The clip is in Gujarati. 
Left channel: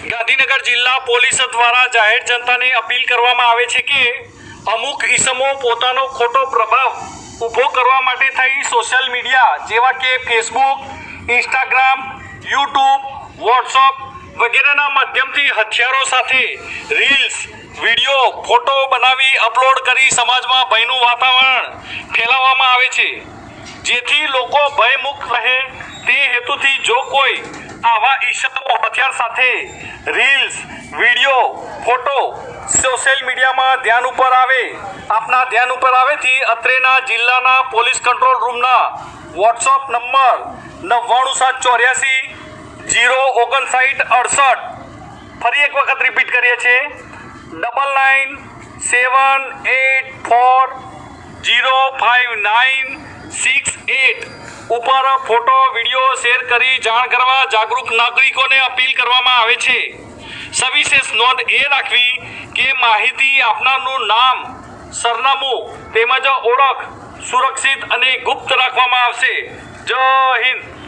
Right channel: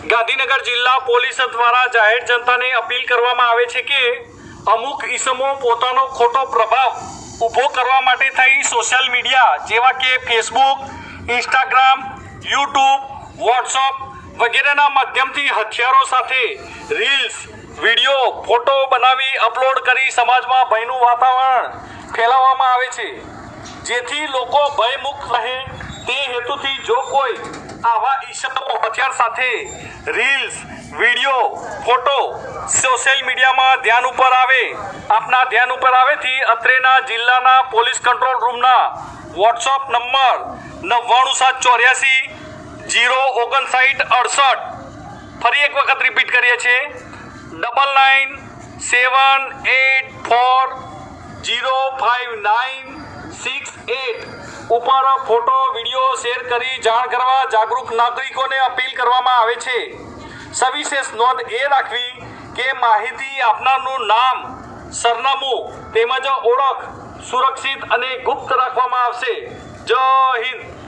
ગાંધીનગર જિલ્લા પોલીસ દ્વારા જાહેર જનતાને અપીલ કરવામાં આવે છે કે અમુક ઈસમો પોતાનો ખોટો પ્રભાવ ઊભો કરવા માટે થઈ સોશિયલ મીડિયા જેવા કે ફેસબુક, ઇન્સ્ટાગ્રામ, યુટ્યુબ, વોટ્સઅપ વગેરેના માધ્યમથી હથિયારો સાથે રીલ્સ, વિડીયો, ફોટો બનાવી અપલોડ કરી સમાજમાં ભયનું વાતાવરણ ફેલાવવામાં આવે છે, જેથી લોકો ભયમુક્ત રહે તે હેતુથી જો કોઈ આવા ઈસમો હથિયાર સાથે રીલ્સ, વિડીયો, ફોટો સોશિયલ મીડિયામાં આપના ધ્યાન ઉપર આવેથી અત્રેના જિલ્લાના પોલીસ કંટ્રોલ રૂમના વોટ્સઅપ નંબર 99784 05968 ફરી એક વખત રિપીટ કરીએ છીએ 9978405968 ઉપર ફોટો, વિડીયો શેર કરી જાણ કરવા જાગૃત નાગરિકોને અપીલ કરવામાં આવે છે। સવિશેષ નોંધ એ રાખવી કે માહિતી આપનારનું નામ, સરનામું તેમજ ઓળખ સુરક્ષિત અને ગુપ્ત રાખવામાં આવશે। જય હિન્દ।